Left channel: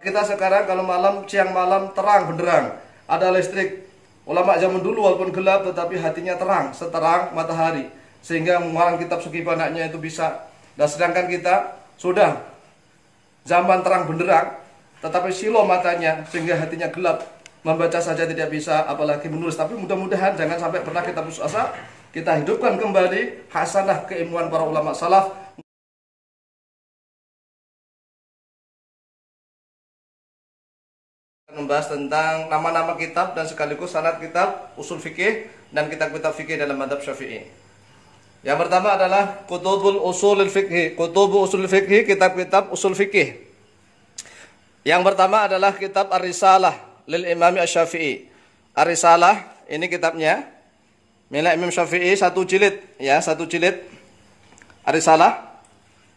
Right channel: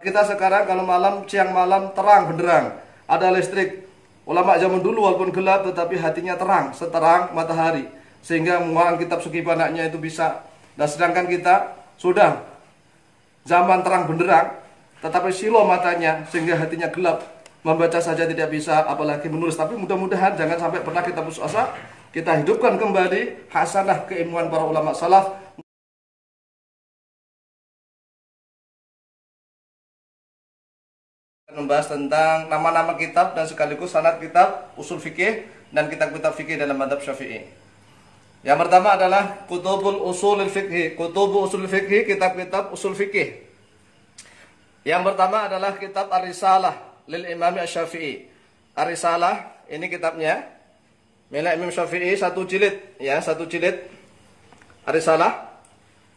Kita sekarang kalau malam, siang malam terang benderang, ada listrik. Ulama zaman dulu walaupun gelap tetapi hatinya terang, seterang matahari. Sehingga mengarang kitab segi pandangnya itu bisa. Dan sedangkan kita sudah zaman terang benderang, tetapi silo matanya sehingga hatinya gelap. Membaca saja tidak bisa, apalagi menulis. Tapi mudah-mudahan jangan sampai pernah kita putus asa. Kita hidupkan kembali hasanah keilmuan para ulama salaf. Membahas tentang nama-nama kitab dan sekaligus sanad kitab usul fikih dan kitab-kitab fikih dalam mazhab Syafi'i. Yang pertama adalah Kutubul Usulul Fikih, Kutubul Usul Fikih, kitab-kitab usul fikih. Yang pertama adalah kitab Ar-Risalah lil Imam Asy-Syafi'i. Ar-Risalah ini kitabnya milik Imam Syafi'i, satu jilid ya, satu jilid. Ar-Risalah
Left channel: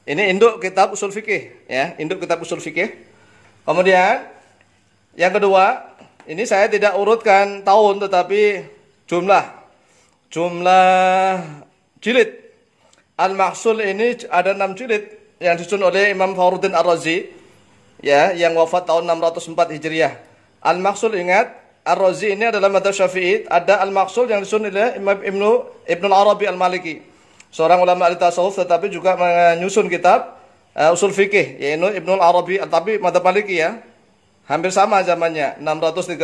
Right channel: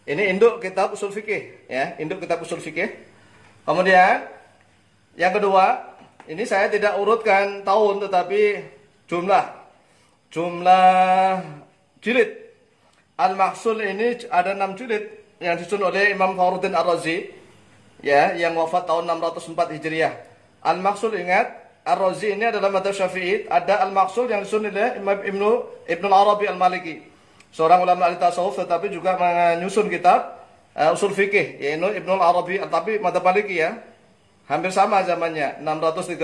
ini induk kitab usul fikih ya, induk kitab usul fikih. Kemudian yang kedua, ini saya tidak urutkan tahun tetapi jumlah jilid. Al-Mahsul ini ada 6 jilid yang disusun oleh Imam Fakhruddin Ar-Razi ya, yang wafat tahun 604 Hijriah. Al-Mahsul, ingat, Ar-Razi ini adalah mazhab Syafi'i. Ada Al-Mahsul yang disusun oleh Imam Ibnu Arabi Al-Maliki, seorang ulama al-tasawuf tetapi juga menyusun kitab usul fikih, yaitu Ibnu Arabi, tapi mazhab Maliki ya. Hampir sama zamannya, 638.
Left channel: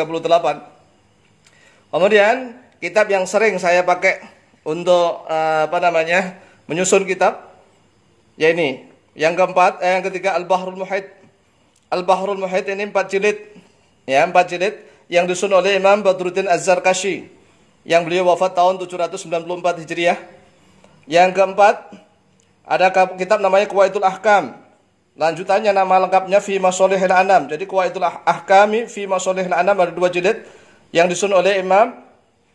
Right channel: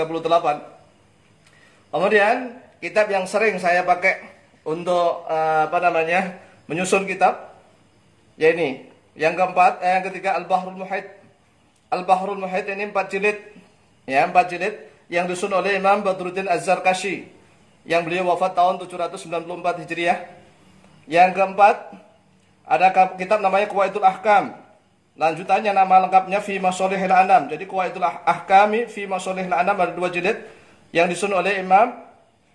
Kemudian kitab yang sering saya pakai untuk menyusun kitab ya ini. Yang keempat, yang ketiga Al-Bahrul Muhit. Al-Bahrul Muhit ini 4 jilid. Ya, 4 jilid yang disusun oleh Imam Badruddin Az-Zarkashi yang beliau wafat tahun 794 Hijriah. Yang keempat, ada kitab namanya Qawaidul Ahkam. Lanjutannya nama lengkapnya Fi Masolihil Anam. Jadi Qawaidul Ahkami Fi Masolihil Anam ada 2 jilid yang disusun oleh Imam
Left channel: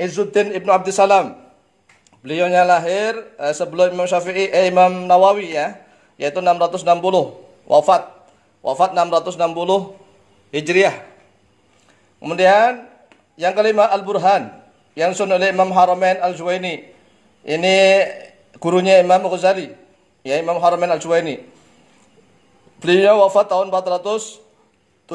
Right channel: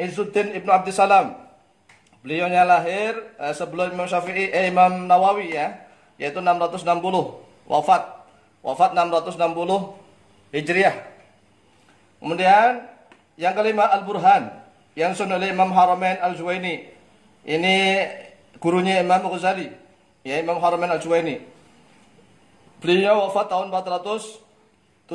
Izzuddin Ibnu Abdissalam. Beliaunya lahir sebelum Imam Syafi'i, Imam Nawawi ya, yaitu 660. Wafat 660 Hijriah. Kemudian yang kelima Al-Burhan yang disusun oleh Imam Haramain Al-Juwaini. Ini gurunya Imam Ghazali, ya, Imam Haramain Al-Juwaini. Beliau wafat tahun 478.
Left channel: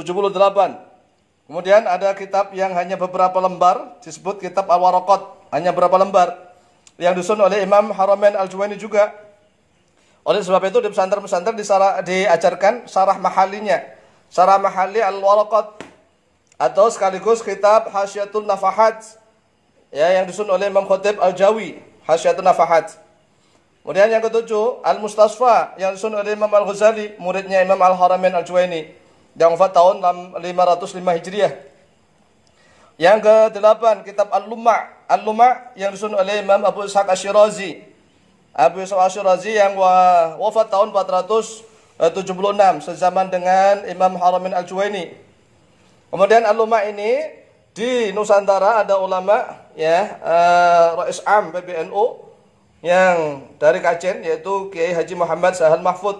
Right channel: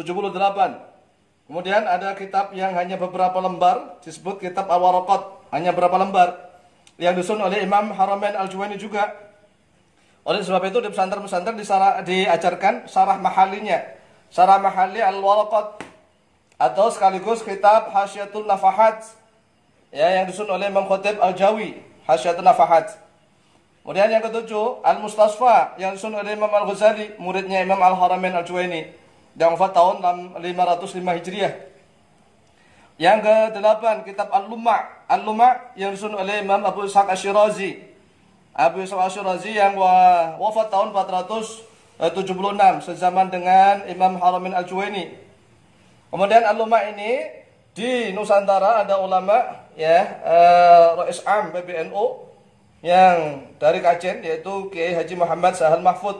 Kemudian ada kitab yang hanya beberapa lembar, disebut kitab Al-Waraqat, hanya beberapa lembar, yang disusun oleh Imam Haramain Al-Juwaini juga. Oleh sebab itu di pesantren-pesantren diajarkan syarah mahalinya, syarah mahali Al-Waraqat, atau sekaligus kitab Hasyiatul Nafahat ya, yang disusun oleh Imam Khatib Al-Jawi, Hasyiatul Nafahat. Kemudian yang ketujuh, Al-Mustasfa yang disusun oleh Imam Al-Ghazali, muridnya Imam Al-Haramain Al-Juwaini, yang wafat tahun 505 Hijriah. Yang kedelapan, kitab Al-Lumma'. Al-Lumma' yang disusun oleh Imam Abu Ishaq Asy-Syirazi. Abu Ishaq Asy-Syirazi yang wafat tahun 476, sezaman dengan Imam Haramain Al-Juwaini. Kemudian Al-Lumma' ini di Nusantara ada ulama ya, Rais Am PBNU yang dari Kajen, yaitu Kiai Haji Muhammad Sahal Mahfud,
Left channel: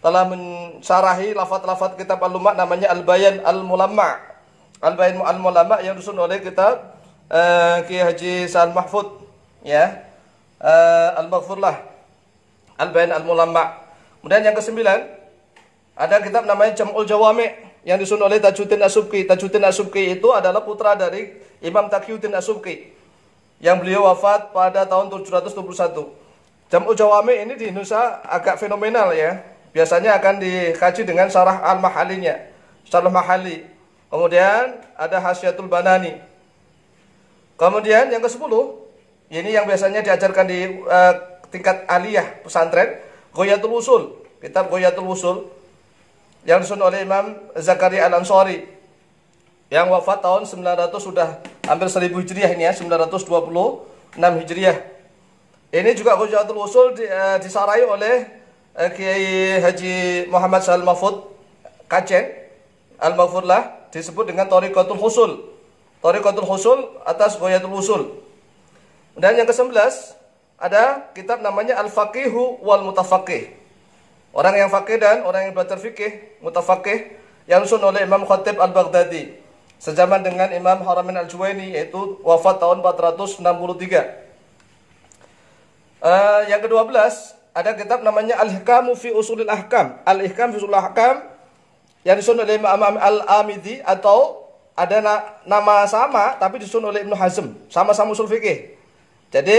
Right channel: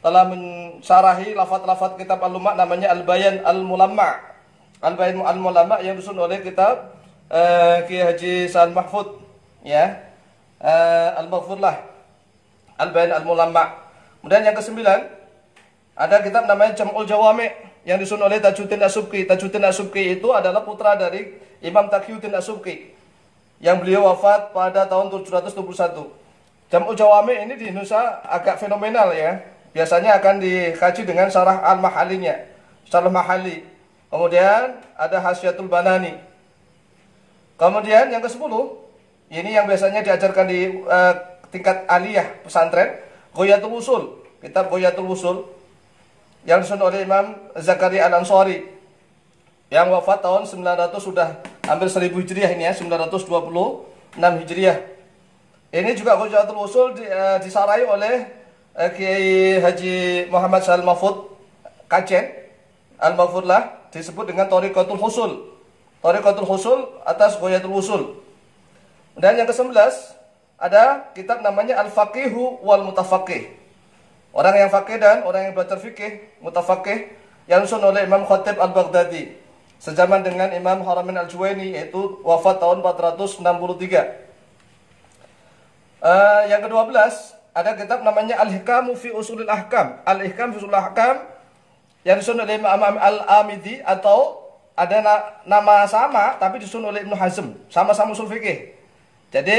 telah mensyarahi lafaz-lafaz kitab Al-Lumma' namanya Al-Bayan Al-Mulamma'. Al-Bayan Al-Mulamma' yang disusun oleh kitab Kiai Haji Sahal Mahfud ya, Al-Maghfurlah, Al-Bayan Al-Mulamma'. Kemudian yang kesembilan ada kitab namanya Jam'ul Jawami' yang disusun oleh Tajuddin As-Subki. Tajuddin As-Subki itu adalah putra dari Imam Taqiyuddin As-Subki yang beliau wafat pada tahun 721. Jam'ul Jawami' ini di Indonesia agak fenomenal ya. Biasanya akan dikaji dengan syarah al-mahalinya, syarah mahali. Kemudian ada Hasyiatul Banani. Kemudian yang ke-10, ini yang biasanya diajarkan di tingkat aliyah pesantren, Ghayatul Usul, kitab Ghayatul Usul yang disusun oleh Imam Zakaria Al-Ansari yang wafat tahun 900, sudah hampir 1000 Hijriah ini ya, 926 Hijriah. Ini juga Ghayatul Usul disarai oleh Kiai Haji Muhammad Sahal Mahfud Kajen Al-Maghfurlah, disebut dengan Thariqatul Husul. Thariqatul Husul atas Ghayatul Usul. Dan yang ke-11 ada kitab namanya Al-Faqihu wal Mutafaqih. Orang yang faqih dan orang yang belajar fikih, mutafaqih, yang disusun oleh Imam Khatib Al-Baghdadi, sejaman dengan Imam Haramain Al-Juwaini, yaitu wafat tahun 463. Yang ke-12 ada kitab namanya Al-Hikamu fi Usulil Ahkam. Al-Hikam fi Usulil Ahkam yang disusun oleh Imam Al-Amidi, atau ada nama sama tapi disusun oleh Ibnu Hazm, sama-sama usul fikih. Jadi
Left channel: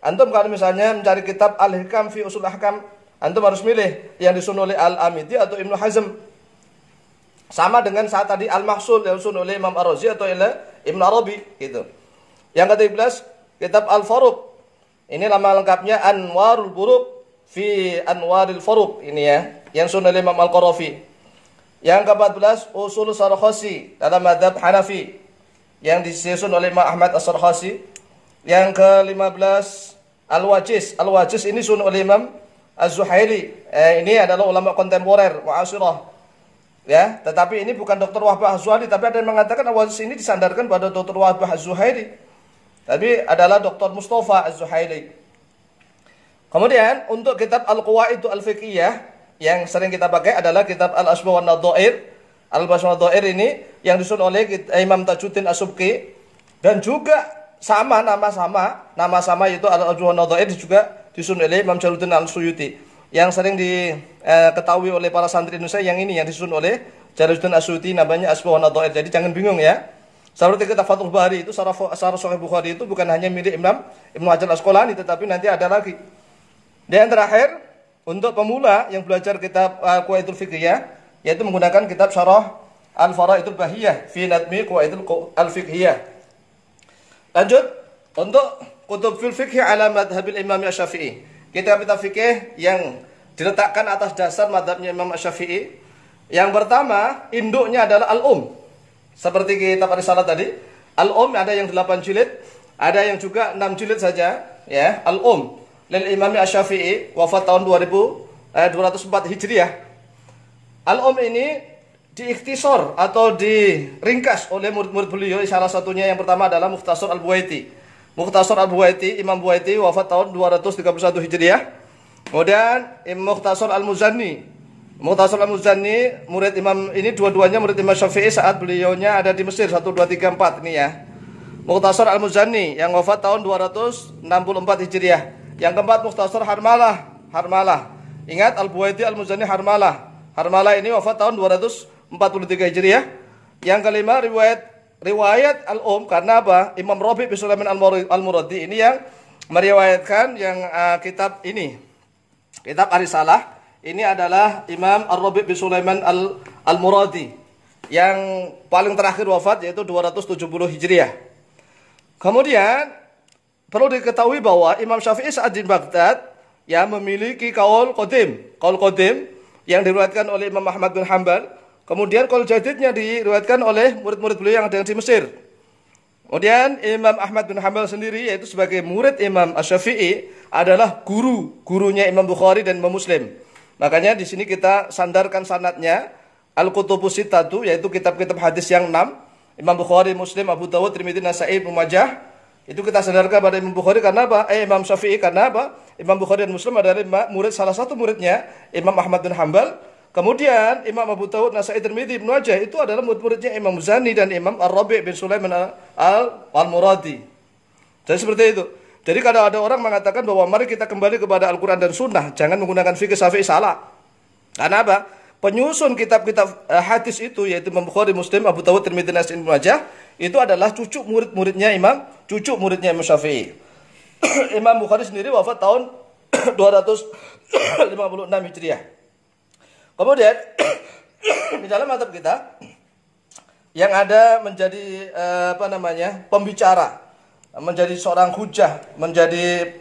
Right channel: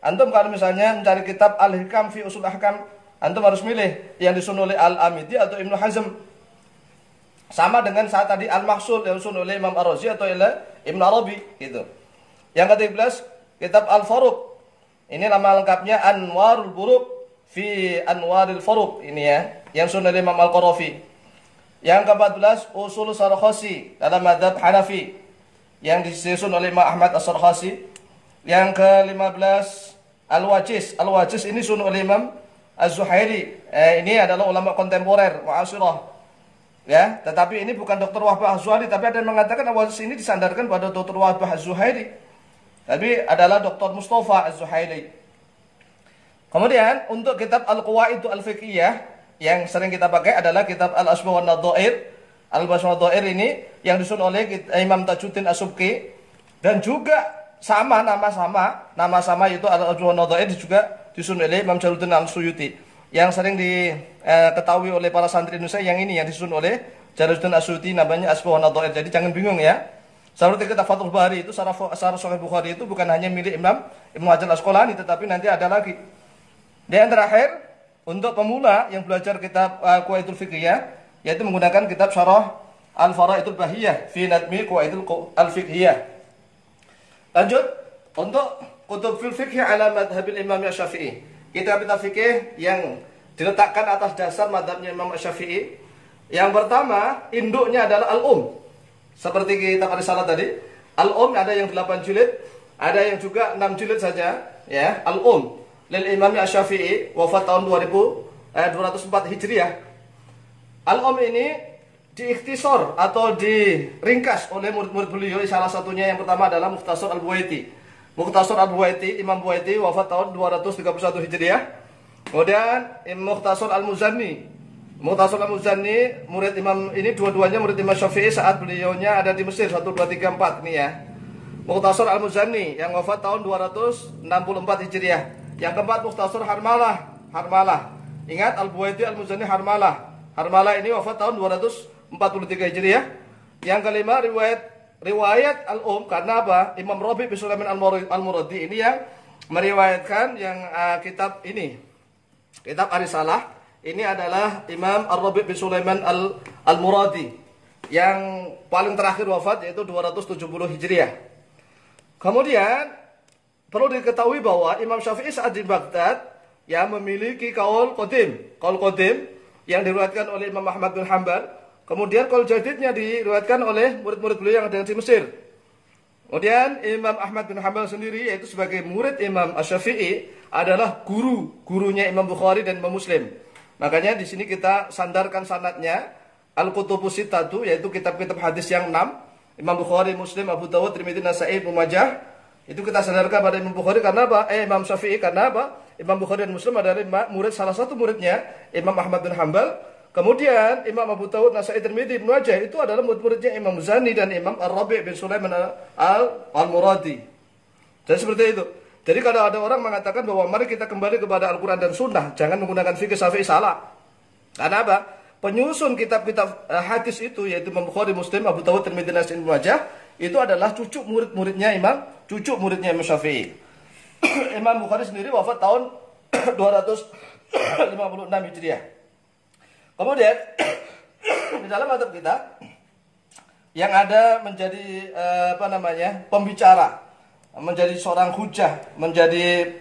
antum kalau misalnya mencari kitab Al-Hikam fi Usul Ahkam, antum harus milih yang disusun oleh Al-Amidi atau Ibnu Hazm. Sama dengan saat tadi Al-Mahsul yang disusun oleh Imam Ar-Razi atau oleh Ibnu Arabi gitu. Yang ke-13 kitab Al-Faruq. Ini nama lengkapnya Anwarul Buruq fi Anwaril Faruq, ini ya, yang disusun oleh Imam Al-Qarafi. Yang ke-14 Usul Sarkhasi dalam mazhab Hanafi, yang disusun oleh Imam Ahmad As-Sarkhasi. Yang ke-15 Al-Wajiz. Al-Wajiz ini disusun oleh Imam Az-Zuhaili. Ini adalah ulama kontemporer mu'asirah. Ya, tetapi ini bukan Dr. Wahbah Az-Zuhaili, tapi ada yang mengatakan Al-Wajiz ini disandarkan pada Dr. Wahbah Az-Zuhaili. Tapi adalah Dr. Mustafa Az-Zuhaili. Kemudian untuk kitab Al-Qawaid Al-Fiqhiyah yang sering kita pakai adalah kitab Al-Asbah wan Nadhair. Al-Asbah wan Nadhair ini yang disusun oleh Imam Tajuddin As-Subki, dan juga nama sama yaitu Al-Asbah wan Nadhair juga disusun oleh Imam Jalaluddin Al-Suyuti. Yang sering diketahui oleh para santri Indonesia yang ini yang disusun oleh Jalaluddin As-Suyuti, namanya Asbah wan Nadhair. Jadi jangan bingung ya. Seperti kitab Fathul Bari itu, Syarah Sahih Bukhari itu bukan hanya milik Imam Ibnu Hajar Al-Asqalani, tetapi nanti ada lagi. Dan yang terakhir, untuk pemula yang belajar kitab Qawaidul Fiqhiyah, yaitu menggunakan kitab Syarah Al-Fara'idul Bahiyah fi Nadmi Qawaidul Al-Fiqhiyah. Lanjut, untuk kutub fil fiqh ala madhabil Imam Asy-Syafi'i. Kitab-kitab fikih yang diletakkan atas dasar madhabnya Imam Asy-Syafi'i. Yang pertama, induknya adalah Al-Um. Seperti kitab Ar-Risalah tadi, Al-Um ada yang 8 jilid, ada yang juga 6 jilid saja, ya. Al-Um lil Imam Asy-Syafi'i, wafat tahun 204 Hijriah. Al-Um ini diikhtisor atau diringkas oleh murid-murid beliau. Salah satunya yang pertama adalah Mukhtasar Al-Buwaiti. Mukhtasar Al-Buwaiti, Imam Buwaiti wafat tahun 231 Hijriah. Kemudian Mukhtasar Al-Muzanni. Mukhtasar Al-Muzanni murid Imam ini, dua-duanya murid Imam Syafi'i saat beliaunya ada di Mesir 1 2 3 4 ini ya. Mukhtasar Al-Muzanni yang wafat tahun 264 Hijriah. Yang keempat Mukhtasar Harmalah. Ingat Al-Buwaiti, Al-Muzanni, Harmalah ini wafat tahun 243 Hijriah. Yang kelima riwayat Al-Um, karena apa? Imam Rabi' bin Sulaiman Al-Muradi ini yang meriwayatkan yang kitab ini. Kitab Ar-Risalah ini adalah Imam Ar-Rabi' bin Sulaiman Al-Muradi yang paling terakhir wafat, yaitu 270 Hijriah. Kemudian perlu diketahui bahwa Imam Syafi'i saat di Baghdad yang memiliki kaul qadim yang diriwayatkan oleh Imam Ahmad bin Hanbal. Kemudian kaul jadidnya diriwayatkan oleh murid-murid beliau yang ada di Mesir. Kemudian Imam Ahmad bin Hanbal sendiri, yaitu sebagai murid Imam Asy-Syafi'i, adalah gurunya Imam Bukhari dan Imam Muslim. Makanya di sini kita sandarkan sanadnya Al-Kutubus Sittatu, yaitu kitab-kitab hadis yang 6, Imam Bukhari, Muslim, Abu Dawud, Tirmidzi, Nasa'i, Ibnu Majah. Itu kita sandarkan pada Imam Bukhari karena apa? Imam Syafi'i karena apa? Imam Bukhari dan Muslim adalah salah satu muridnya Imam Ahmad bin Hanbal. Kemudian Imam Abu Dawud, Nasa'i, Tirmidzi, Ibnu Majah itu adalah murid-muridnya Imam Muzani dan Imam Ar-Rabi' bin Sulaiman Al-Muradi. Jadi seperti itu. Jadi kalau ada orang mengatakan bahwa mari kita kembali kepada Al-Quran dan Sunnah, jangan menggunakan fikih Syafi'i, salah. Karena apa? Penyusun kitab-kitab hadis itu, yaitu Imam Bukhari, Muslim, Abu Dawud, Tirmidzi, Nasa'i, Ibnu Majah, itu adalah cucu muridnya Imam Syafi'i. Imam Bukhari sendiri wafat tahun 256 Hijriah. Kemudian di dalam madhab kita yang ada menjadi pembicara, menjadi seorang hujah, menjadi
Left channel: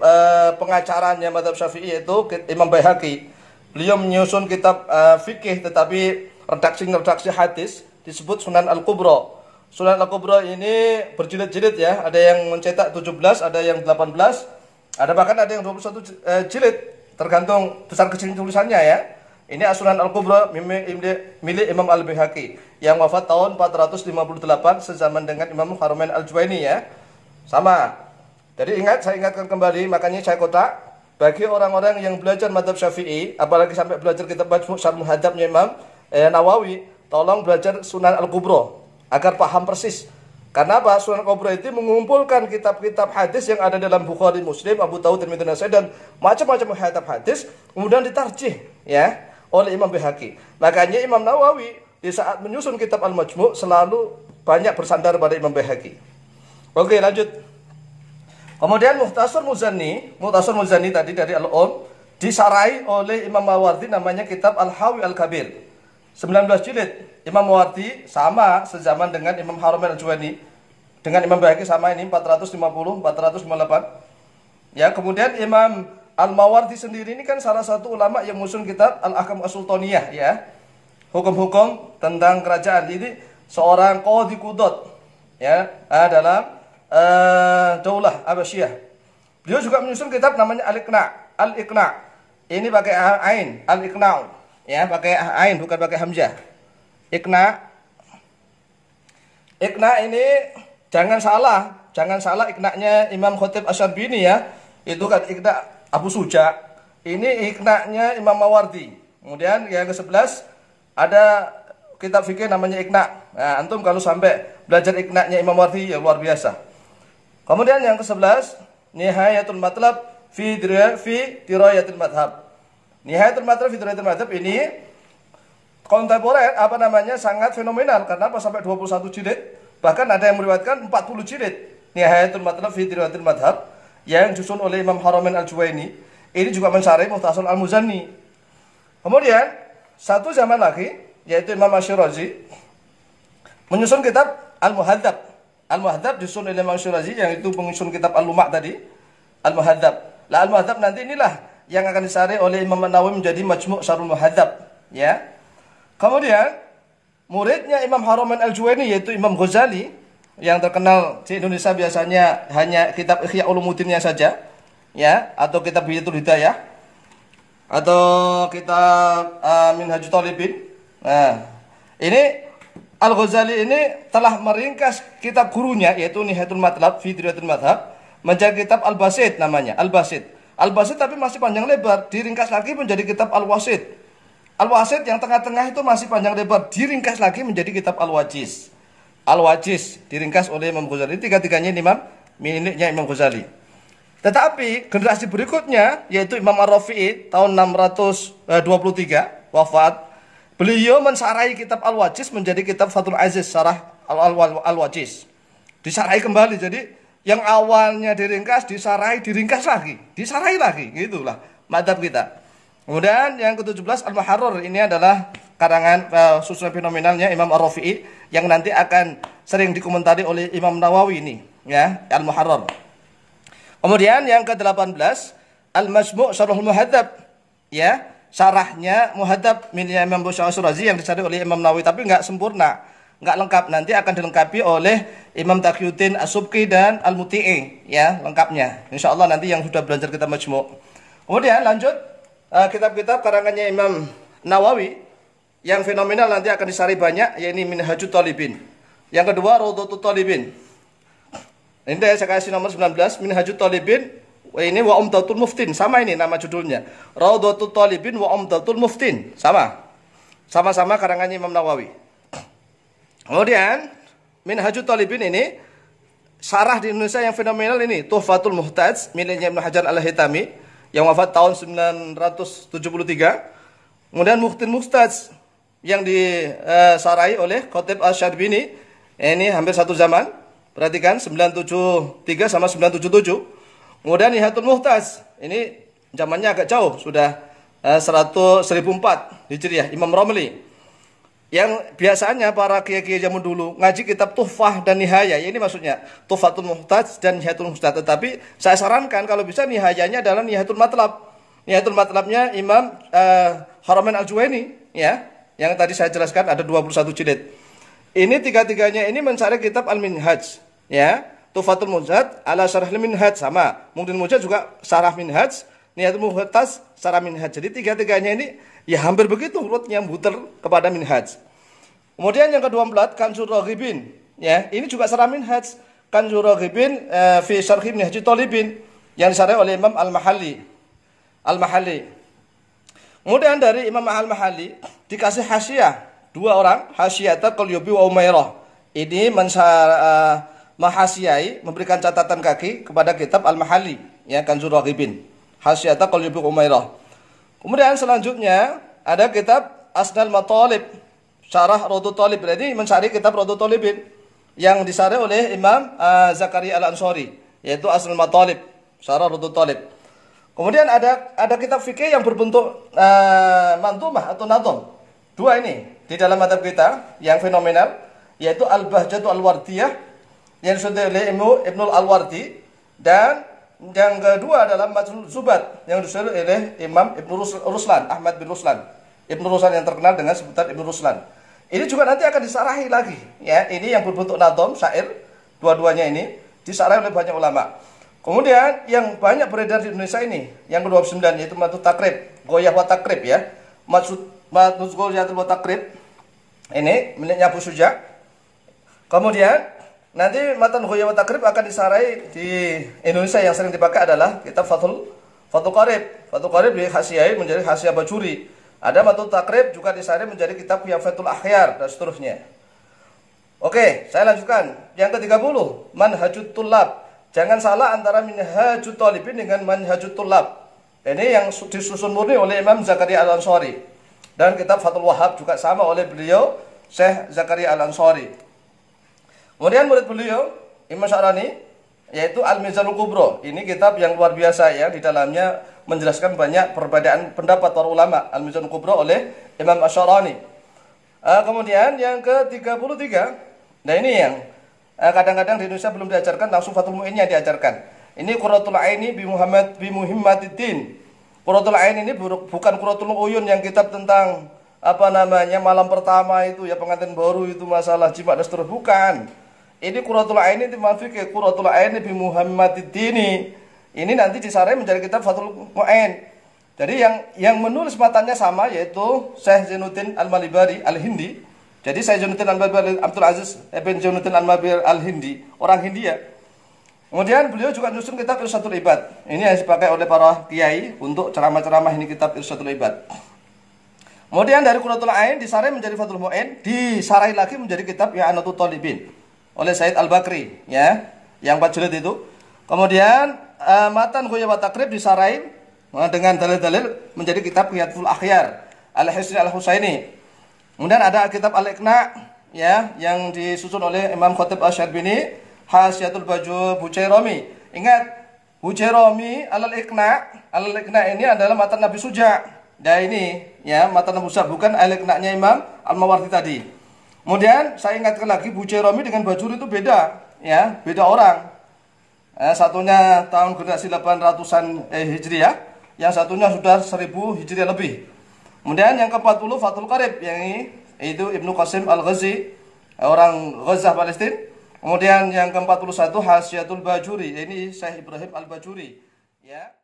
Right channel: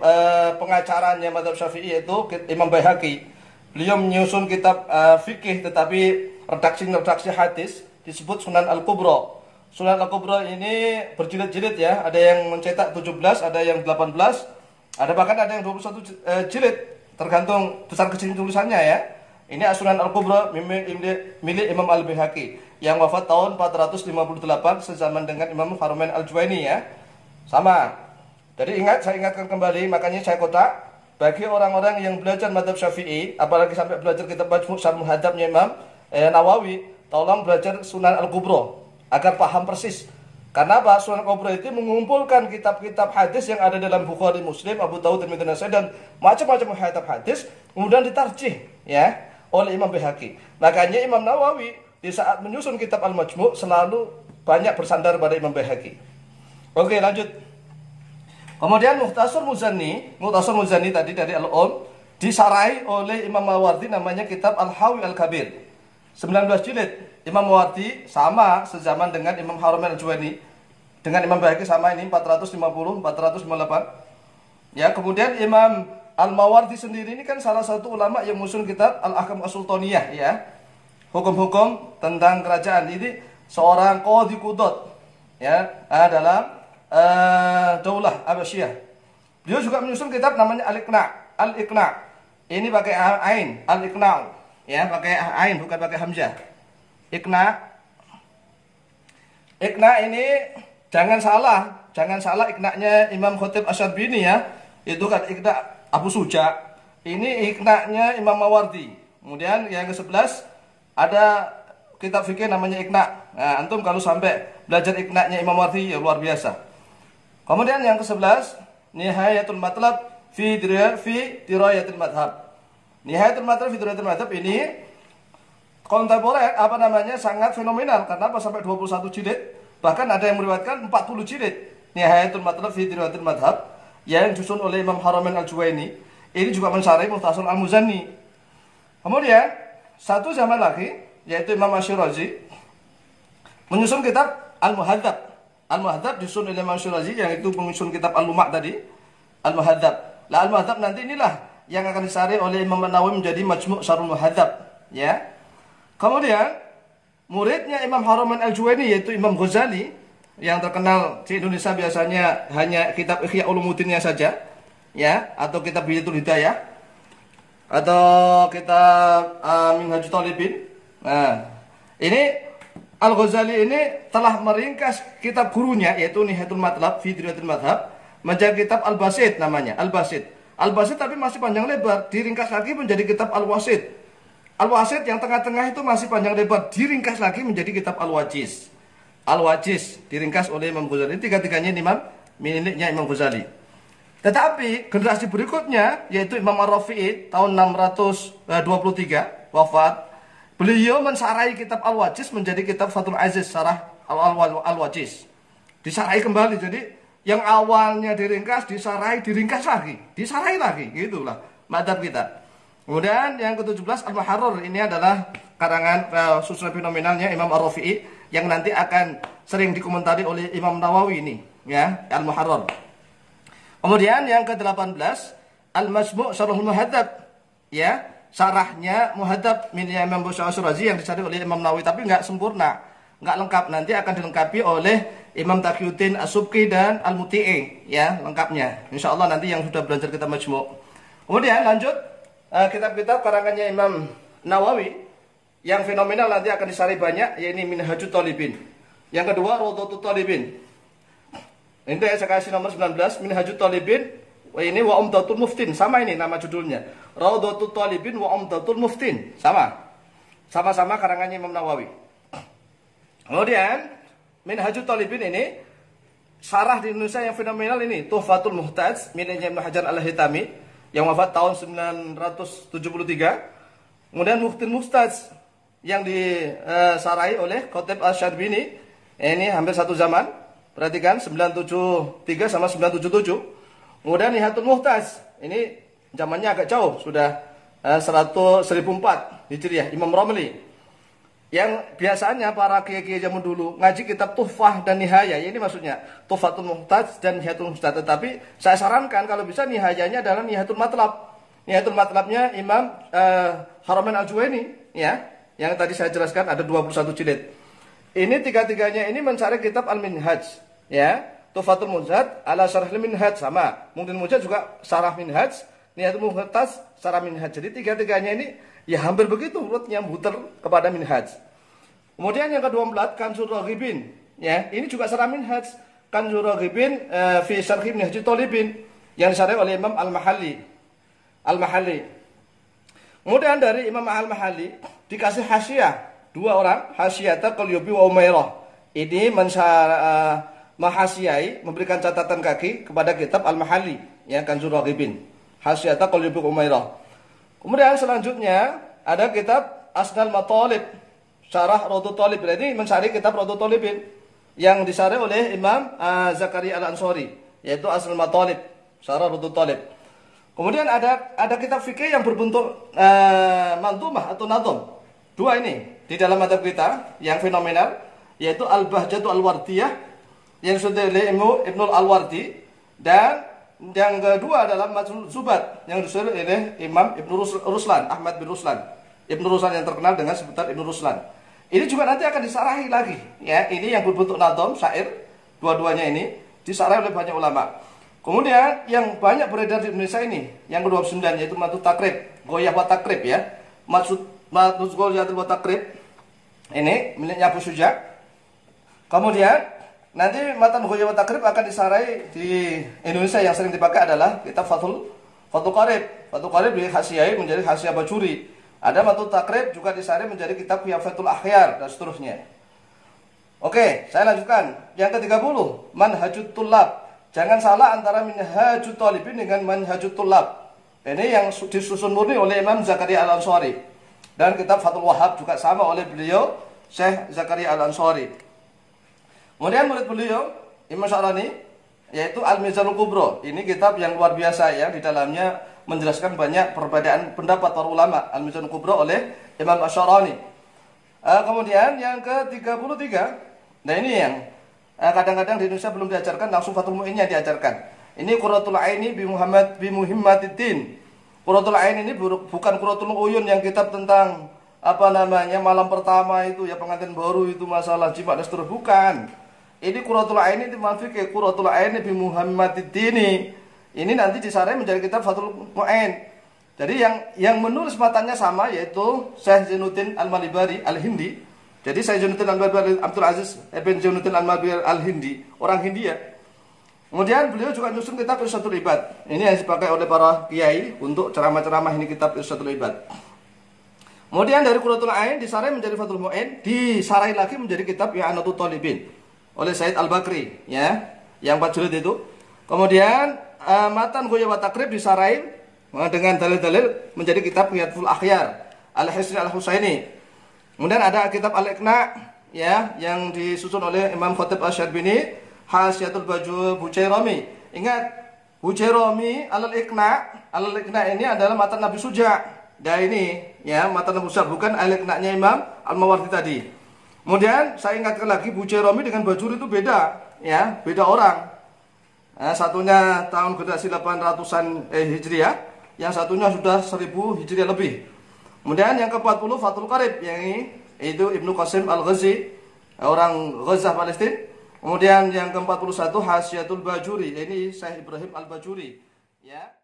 pengacaranya madhab Syafi'i, yaitu Imam Baihaqi. Beliau menyusun kitab fikih, tetapi redaksi hadis disebut Sunan Al-Kubra. Sunan Al-Kubra ini berjilid-jilid ya, ada yang mencetak 17, ada yang 18, ada bahkan ada yang 21 jilid, tergantung besar kecil tulisannya ya. Ini As-Sunan Al-Kubra milik Imam Al-Baihaqi yang wafat tahun 458 sezaman dengan Imam Haramain Al-Juwaini ya. Sama. Jadi saya ingatkan kembali, makanya saya kotak bagi orang-orang yang belajar madhab Syafi'i, apalagi sampai belajar kitab Muhadzabnya Imam Nawawi, tolong belajar Sunan Al-Kubra agar paham persis. Karena apa? Sunan Al-Kubra itu mengumpulkan kitab-kitab hadis yang ada dalam Bukhari, Muslim, Abu Dawud, Tirmidzi, Nasa'i dan macam-macam kitab hadis, kemudian ditarjih ya oleh Imam Baihaqi. Makanya Imam Nawawi di saat menyusun kitab Al-Majmu' selalu banyak bersandar pada Imam Baihaqi. Oke, lanjut. Kemudian Mukhtasar Muzani tadi dari Al-Um disarai oleh Imam Mawardi, namanya kitab Al-Hawi Al-Kabir. 19 jilid. Imam Mawardi sama sezaman dengan Imam Haramain Al-Juwaini. Dengan Imam Baihaqi sama ini 450 458. Ya, kemudian Imam Al-Mawardi sendiri ini kan salah satu ulama yang musun kitab Al-Ahkam As-Sultaniyah, ya. Hukum-hukum tentang kerajaan. Ini seorang qadhi qudot, ya, dalam Daulah Abbasiyah. Beliau juga menyusun kitab namanya Al-Iqna. Ini pakai ain, Al-Iqna, ya, pakai ain bukan pakai hamzah. Iqna ini jangan salah iqna'nya Imam Khatib Asy-Syarbini, ya. Itu kan iqna Abu Suja. Ini iqna'nya Imam Mawardi. Kemudian yang ke-11 ada kitab fikih namanya Iqna. Nah, antum kalau sampai belajar iqna'nya Imam Mawardi ya luar biasa. Kemudian yang ke-11 Nihayatul Matlab fi Dirayatil Madhab. Nihayatul Matlab fi Dirayatil Madhab ini kontemporer, sangat fenomenal. Karena sampai 21 jilid, bahkan ada yang meriwayatkan 40 jilid. Nihayatul Matlab fi Dirayatil Madhab yang disusun oleh Imam Haramain Al-Juwaini. Ini juga mensyarah Mukhtasar Al-Muzani. Kemudian satu zaman lagi yaitu Imam Asy-Syirazi menyusun kitab Al-Muhadzab. Al-Muhadzab disusun oleh Imam Asy-Syirazi yang itu menyusun kitab Al-Lumah tadi. Al-Muhadzab. Lah Al-Muhadzab nanti inilah yang akan disarih oleh Imam An-Nawawi menjadi Majmu' Syarhul Muhadzab, ya. Kemudian muridnya Imam Haramain Al-Juwaini yaitu Imam Ghazali, yang terkenal di Indonesia biasanya hanya kitab Ihya Ulumuddinnya saja, ya, atau kitab Bidayatul Hidayah, atau kitab Minhajut Thalibin. Nah, ini Al-Ghazali ini telah meringkas kitab gurunya yaitu Nihayatul Matlab fi Dirayatil Madhab menjadi kitab Al-Basit namanya, Al-Basit. Al-Basit tapi masih panjang lebar, diringkas lagi menjadi kitab Al-Wasit. Al-Wasit yang tengah-tengah itu masih panjang lebar, diringkas lagi menjadi kitab Al-Wajiz. Al-Wajiz diringkas oleh Imam Ghazali. Tiga-tiganya miliknya Imam Ghazali. Tetapi generasi berikutnya yaitu Imam Ar-Rafi'i tahun 623 wafat. Beliau mensarai kitab Al-Wajiz menjadi kitab Fathul Aziz Syarah Al-Wajiz. Disarai kembali, jadi yang awalnya diringkas, diringkas lagi, gitulah madzhab kita. Kemudian yang ke-17 Al-Muharrar, ini adalah karangan susunan fenomenalnya Imam Ar-Rafi'i yang nanti akan sering dikomentari oleh Imam Nawawi ini, ya, Al-Muharrar. Kemudian yang ke-18 Al-Majmu' Syarhul Muhadzab, ya, syarahnya Muhadzab miliknya Imam Asy-Syirazi yang disarih oleh Imam Nawawi, tapi nggak sempurna, nggak lengkap. Nanti akan dilengkapi oleh Imam Taqiyuddin As-Subki dan Al-Muti'i, ya, lengkapnya. Insyaallah nanti yang sudah belajar kitab Majmu'. Kemudian lanjut kitab-kitab karangannya Imam Nawawi yang fenomenal nanti akan disarih banyak, yaitu Minhajut Thalibin. Yang kedua Rawdatut Thalibin. Ini saya kasih nomor 19 Minhajut Thalibin. Ini wa Umdatul Muftin, sama ini nama judulnya. Rawdatut Thalibin wa Umdatul Muftin, sama-sama karangannya Imam Nawawi. Kemudian Minhajut Thalibin ini syarah di Indonesia yang fenomenal ini Tuhfatul Muhtaj miliknya Ibnu Hajar Al-Haytami yang wafat tahun 973. Kemudian Mukhtin Mustaj yang disarai oleh Khatib Asy-Syarbini, ini hampir satu zaman. Perhatikan 973 sama 977. Kemudian Nihayatul Muhtaj, ini zamannya agak jauh, sudah 1004 Hijriah, Imam Romli. Yang biasanya para kiai-kiai zaman dulu ngaji kitab Tuhfah dan Nihaya, ini maksudnya Tuhfatul Muhtaj dan Nihayatul Muhtaj. Tetapi saya sarankan kalau bisa Nihayanya adalah Nihayatul Matlab. Nihayatul Matlabnya Imam Haramain Al-Juwaini, ya, yang tadi saya jelaskan ada 21 jilid. Ini tiga-tiganya ini mencari kitab Al-Minhaj, ya. Tuhfatul Muhtaj ala Syarah Al-Minhaj sama. Mungkin Muhtaj juga Syarah Minhaj, Nihayatul Muhtaj Syarah Minhaj. Jadi tiga-tiganya ini ya hampir begitu urutnya muter kepada Minhaj. Kemudian yang ke-24 Kanzur Raghibin, ya. Ini juga Syarah Minhaj. Kanzur Raghibin fi Syarhi Minhajut Thalibin yang disarah oleh Imam Al-Mahalli. Kemudian dari Imam Al-Mahalli dikasih hasyiah dua orang, Hasyiata Qalyubi wa Umairah. Ini mahasyiai, memberikan catatan kaki kepada kitab Al-Mahalli, ya, Kanzur Raghibin. Hasyiata Qalyubi wa Umairah. Kemudian selanjutnya ada kitab Asnal Matalib Syarah Raudhut Thalib. Berarti mencari kitab Raudhut Thalibin yang disarah oleh Imam Zakaria Al-Ansari, yaitu Asnul Matalib, Syarah Raudhut Thalib. Kemudian ada kitab fikih yang berbentuk mantumah atau nadham. Dua ini di dalam madhab kita yang fenomenal, yaitu Al-Bahjatu Al-Wardiyah yang disusun oleh Ibnul Al-Wardi, dan yang kedua adalah Majmu' Zubat yang disusun oleh Imam Ibnu Ruslan, Ahmad bin Ruslan. Ibnu Ruslan yang terkenal dengan sebutan Ibnu Ruslan. Ini juga nanti akan disarahi lagi, ya. Ini yang berbentuk nadham, syair, dua-duanya ini disarahi oleh banyak ulama. Kemudian yang banyak beredar di Indonesia ini, yang ke-29 yaitu Matnu Takrib, Ghoyah wa Takrib, ya. Matnu Ghoyah wa Takrib ini miliknya Abu Suja. Kemudian nanti matan Ghoyah wa Takrib akan disarahi di Indonesia yang sering dipakai adalah kitab Fathul Qarib. Fathul Qarib di Hasyiah menjadi Hasyiah Bajuri. Ada Matnu Takrib juga disarahi menjadi kitab Fathul Akhyar dan seterusnya. Oke, saya lanjutkan. Yang ke-30, Manhajut Tullab. Jangan salah antara Minhajut Thalibin dengan Manhajut Tullab. Ini yang disusun murni oleh Imam Zakaria Al-Ansari. Dan kitab Fathul Wahhab juga sama oleh beliau, Syekh Zakaria Al-Ansari. Kemudian murid beliau, Imam Sya'rani, yaitu Al-Mizanul Kubro. Ini kitab yang luar biasa, ya. Di dalamnya menjelaskan banyak perbedaan pendapat para ulama. Al-Mizanul Kubro oleh Imam Asy-Sya'rani. Kemudian yang ke-33, nah ini yang kadang-kadang di Indonesia belum diajarkan, langsung Fathul Mu'in yang diajarkan. Ini Qurratul Aini bi Muhammadiddin. Qurratul Ain ini bukan Qurratul Uyun yang kitab tentang malam pertama itu, ya, pengantin baru itu, masalah jima dan seterusnya, bukan. Ini Qurratul Ain itu fikih, Qurratul Aini bi Muhammadiddin. Ini nanti disarahi menjadi kitab Fathul Mu'in. Jadi yang menulis matanya sama, yaitu Syekh Zainuddin Al-Malibari Al-Hindi. Jadi Syekh Zainuddin Al-Malibari Abdul Aziz bin Zainuddin Al-Malibari Al-Hindi, orang Hindia. Kemudian beliau juga menyusun kitab Irsyadul Ibad. Ini yang dipakai oleh para kiai untuk ceramah-ceramah, ini kitab Irsyadul Ibad. Kemudian dari Qurratul Ain disarahi menjadi Fathul Mu'in, disarahi lagi menjadi kitab I'anatul Talibin oleh Said Al-Bakri, ya, yang 4 jilid itu. Kemudian matan Ghoyah wa Takrib disarahi dengan dalil-dalil menjadi kitab Qiyatul Akhyar Al-Hisni Al-Husaini. Kemudian ada kitab Al-Iqna, ya, yang disusun oleh Imam Khatib Asy-Syarbini, Hasyiatul Bujairami. Ingat, Bujairami Al-Iqna ini adalah matan Nabi Suja. Nah ini, ya, matan Nabi Suja, bukan Al-Iqna-nya Imam Al-Mawardi tadi. Kemudian saya ingatkan lagi, Bujairami dengan Bajuri itu beda, ya, beda orang. Satunya tahun generasi 800-an Hijriah, yang satunya sudah 1000 Hijriah lebih. Kemudian yang ke-40 Fathul Qarib, yang ini itu Ibnu Qasim Al-Ghazi, orang Ghazah Palestina. Kemudian yang ke-41 Hasyiatul Bajuri, ini Syekh Ibrahim Al-Bajuri, ya.